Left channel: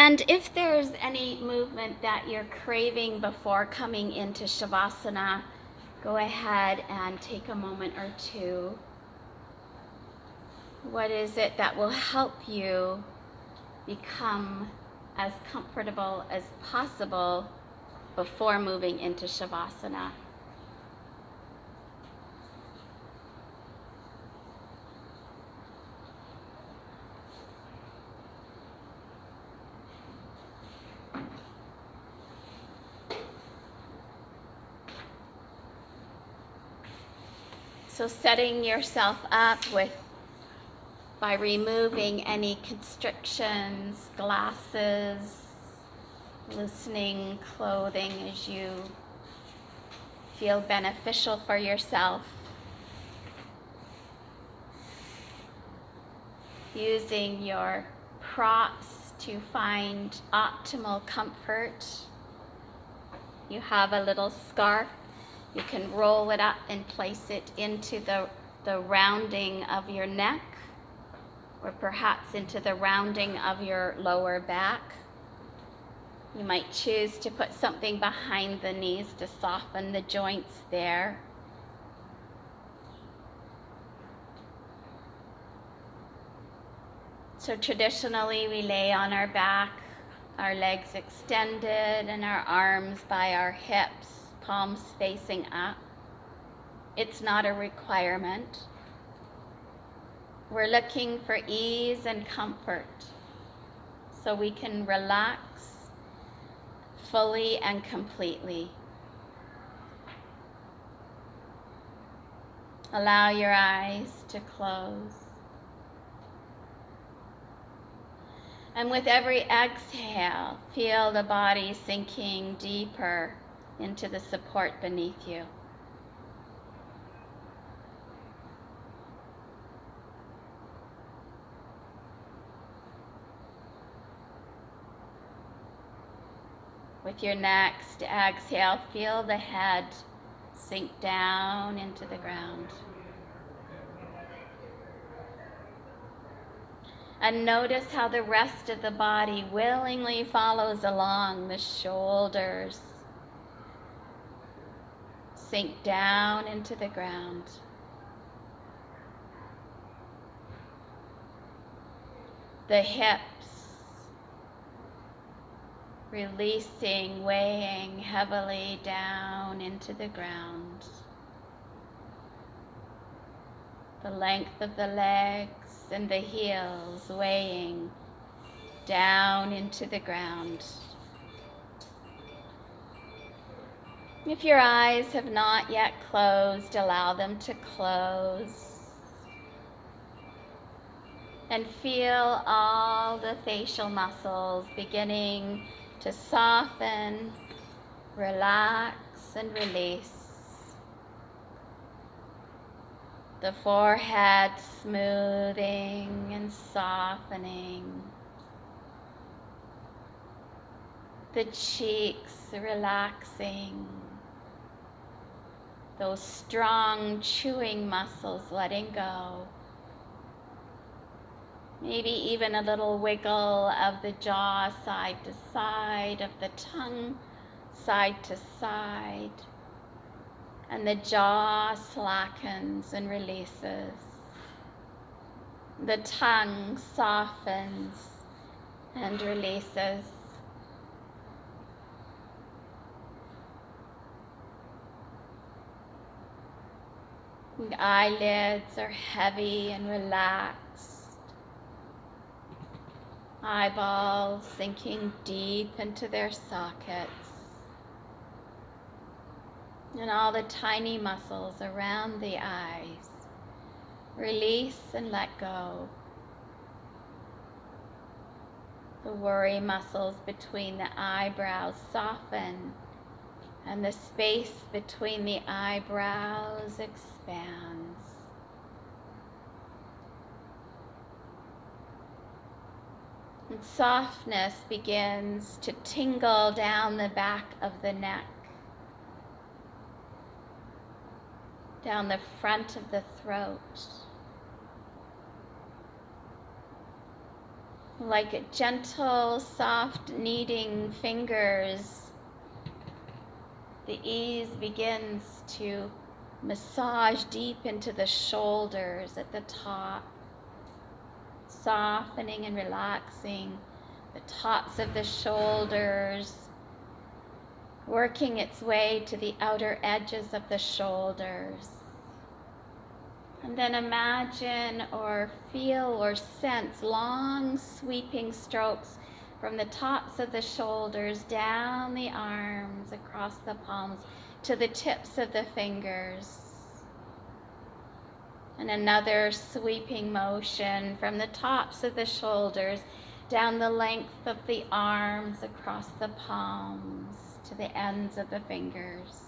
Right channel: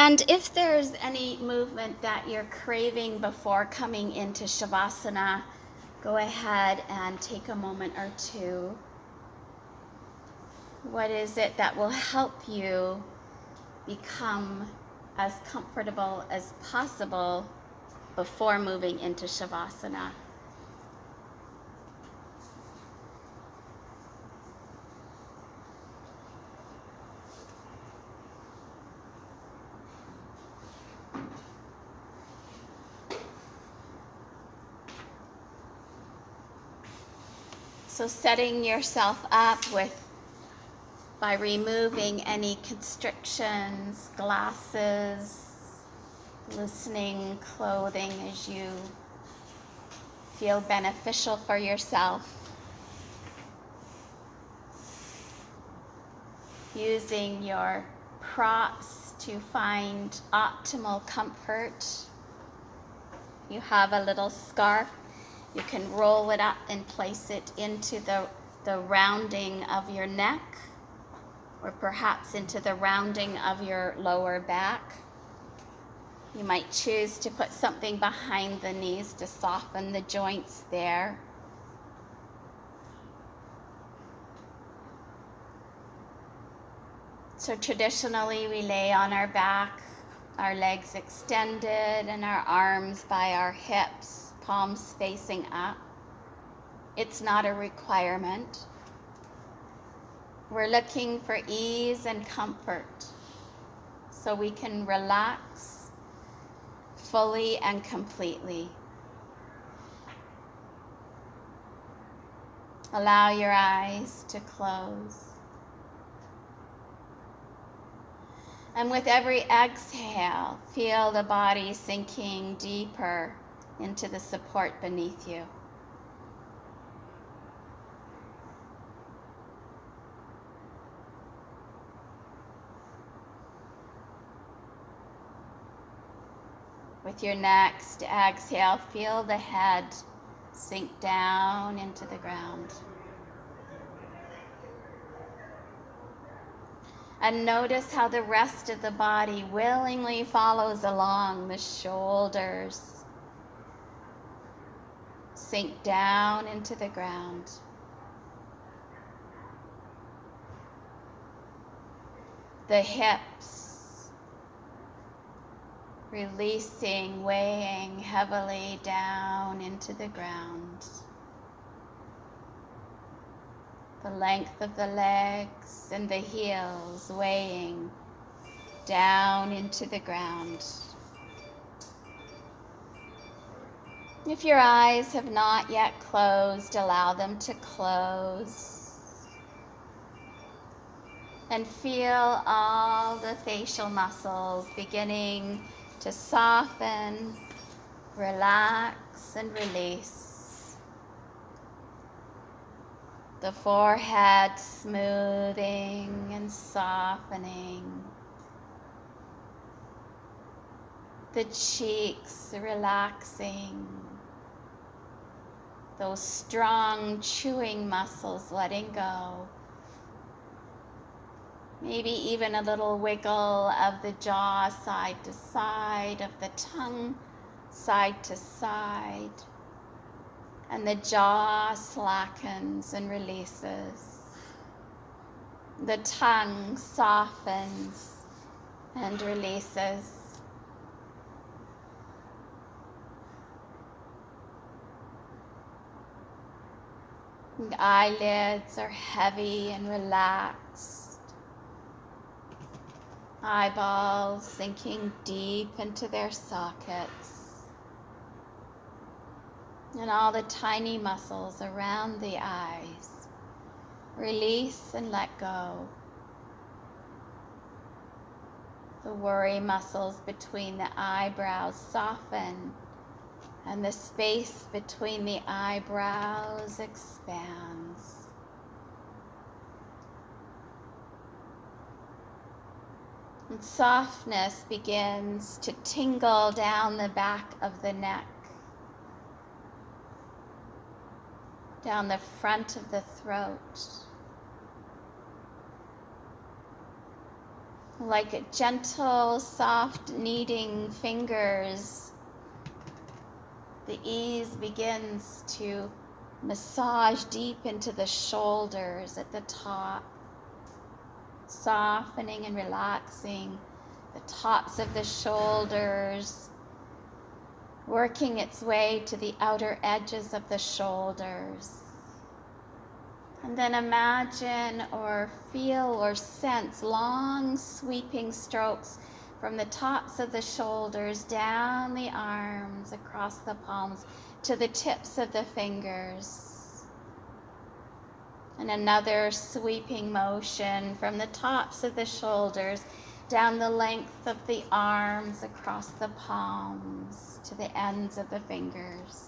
And if there's any movement that you're craving before coming into Shavasana, go ahead and take a moment or two. What is it that will help you become as comfortable as possible before moving into Shavasana? So setting yourself up by removing any constrictions, glasses, loosening clothing as you feel beneficial for yourself. Using your props to find optimal comfort. You have a little scarf. You can roll it up and place it into the rounding of your neck, or perhaps into the rounding of your lower back. You might choose to put something behind the knees to soften the joints there. So traditionally we lay on our back, our legs extended and our arms by our hips, palms facing up. It's not a requirement. We're looking for ease and comfort so we can relax fully and completely. Allow your eyes to close. And with every exhale, feel the body sinking deeper into the support beneath you. With your next exhale, feel the head sink down into the ground. And notice how the rest of the body willingly follows along. The shoulders sink down into the ground. The hips releasing, weighing heavily down into the ground. The length of the legs and the heels weighing down into the ground. If your eyes have not yet closed, allow them to close. And feel all the facial muscles beginning to soften, relax, and release. The forehead smoothing and softening. The cheeks relaxing. Those strong chewing muscles letting go. Maybe even a little wiggle of the jaw side to side, of the tongue side to side. And the jaw slackens and releases. The tongue softens and releases. The eyelids are heavy and relaxed. Eyeballs sinking deep into their sockets. And all the tiny muscles around the eyes release and let go. The worry muscles between the eyebrows soften, and the space between the eyebrows expands. And softness begins to tingle down the back of the neck, down the front of the throat. Like gentle, soft kneading fingers, the ease begins to massage deep into the shoulders at the top, softening and relaxing the tops of the shoulders, working its way to the outer edges of the shoulders. And then imagine or feel or sense long sweeping strokes from the tops of the shoulders, down the arms, across the palms, to the tips of the fingers. And another sweeping motion from the tops of the shoulders, down the length of the arms, across the palms, to the ends of the fingers.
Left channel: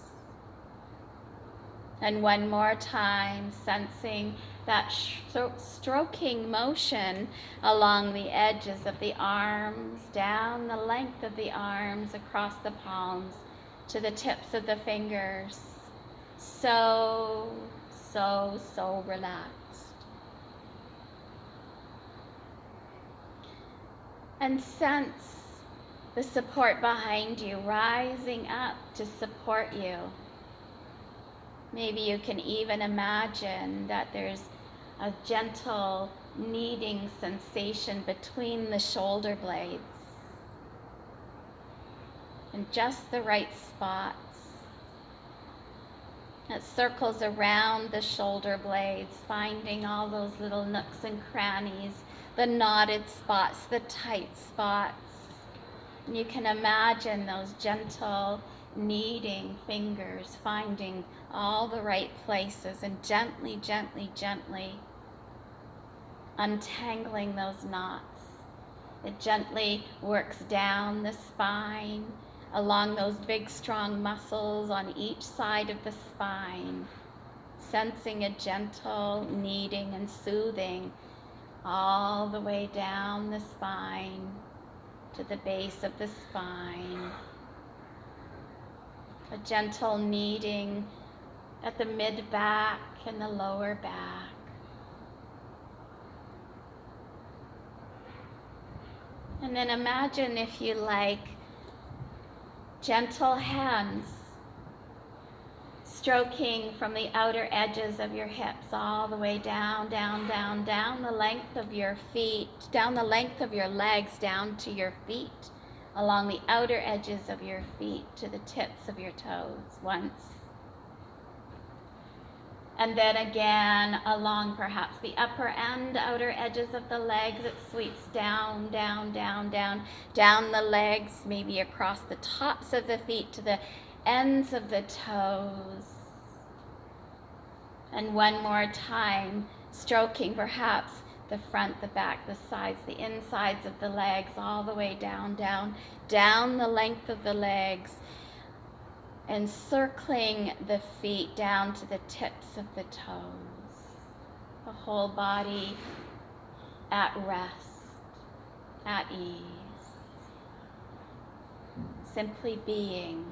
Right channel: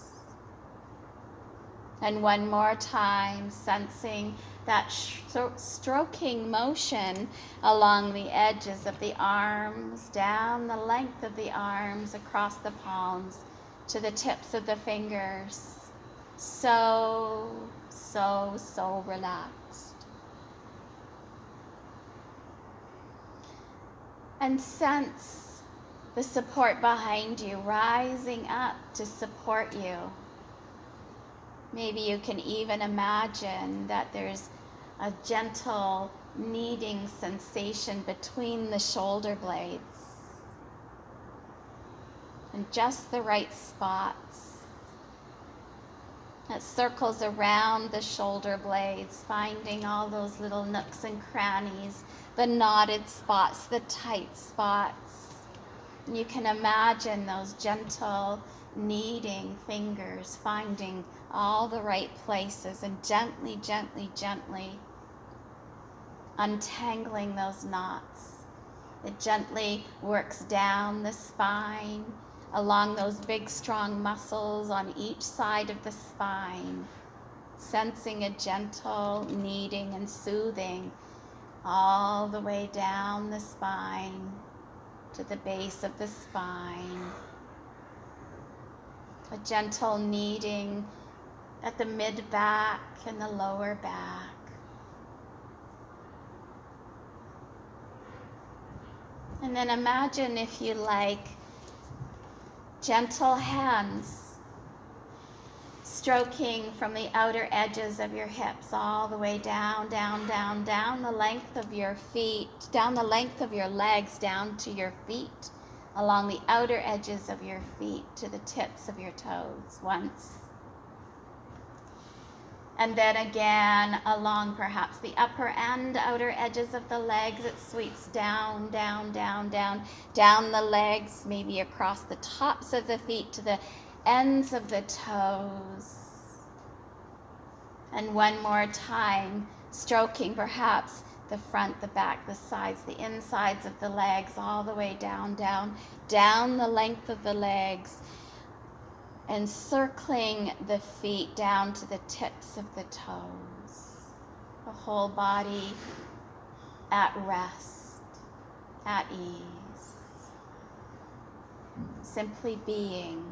And one more time, sensing that stroking motion along the edges of the arms, down the length of the arms, across the palms, to the tips of the fingers. So relaxed. And sense the support behind you rising up to support you. Maybe you can even imagine that there's a gentle kneading sensation between the shoulder blades in just the right spots. It circles around the shoulder blades, finding all those little nooks and crannies, the knotted spots, the tight spots. And you can imagine those gentle kneading fingers finding all the right places and gently, gently, gently untangling those knots. It gently works down the spine, along those big, strong muscles on each side of the spine, sensing a gentle kneading and soothing all the way down the spine to the base of the spine. A gentle kneading at the mid-back and the lower back. And then imagine, if you like, gentle hands stroking from the outer edges of your hips all the way down, down, down, down the length of your feet, down the length of your legs, down to your feet, along the outer edges of your feet to the tips of your toes once. And then again along perhaps the upper and outer edges of the legs, it sweeps down, down, down, down, down the legs, maybe across the tops of the feet to the ends of the toes. And one more time, stroking perhaps the front, the back, the sides, the insides of the legs, all the way down, down, down the length of the legs, and circling the feet down to the tips of the toes. The whole body at rest, at ease, simply being.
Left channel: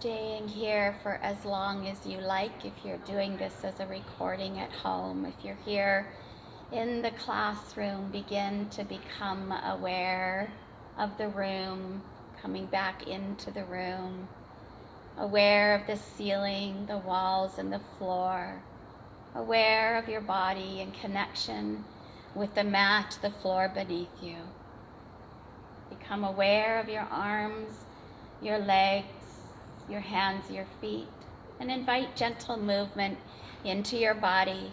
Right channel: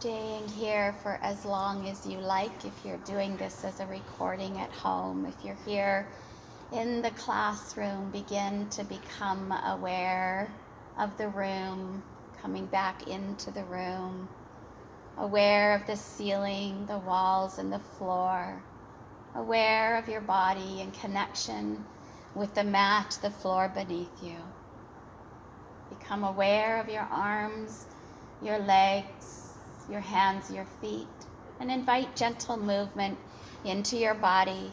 Staying here for as long as you like, if you're doing this as a recording at home. If you're here in the classroom, begin to become aware of the room, coming back into the room, aware of the ceiling, the walls, and the floor, aware of your body in connection with the mat, the floor beneath you. Become aware of your arms, your legs, your hands, your feet, and invite gentle movement into your body,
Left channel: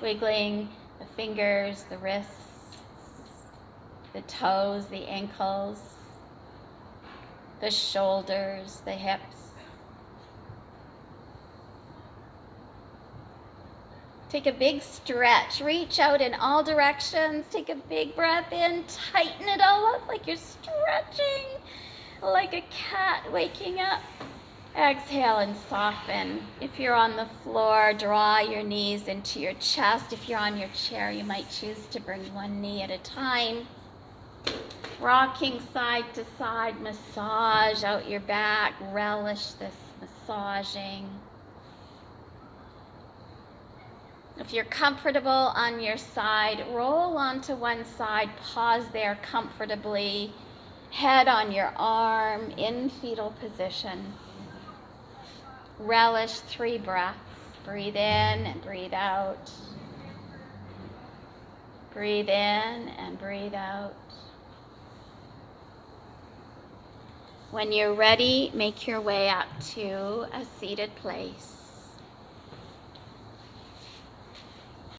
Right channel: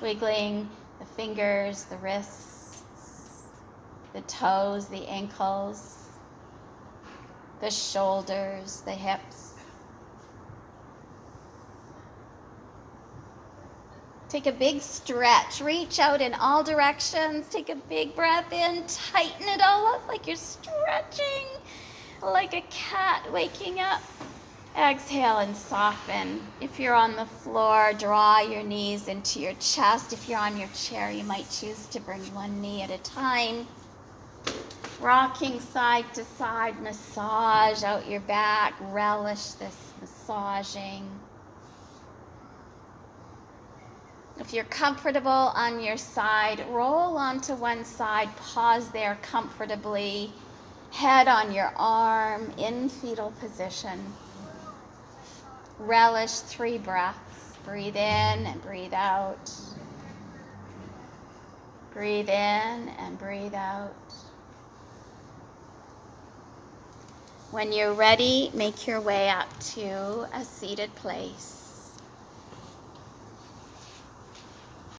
wiggling the fingers, the wrists, the toes, the ankles, the shoulders, the hips. Take a big stretch. Reach out in all directions. Take a big breath in. Tighten it all up like you're stretching, like a cat waking up. Exhale and soften. If you're on the floor, draw your knees into your chest. If you're on your chair, you might choose to bring one knee at a time. Rocking side to side, massage out your back. Relish this massaging. If you're comfortable on your side, roll onto one side, pause there comfortably, head on your arm in fetal position. Relish 3 breaths. Breathe in and breathe out. Breathe in and breathe out. When you're ready, make your way up to a seated place.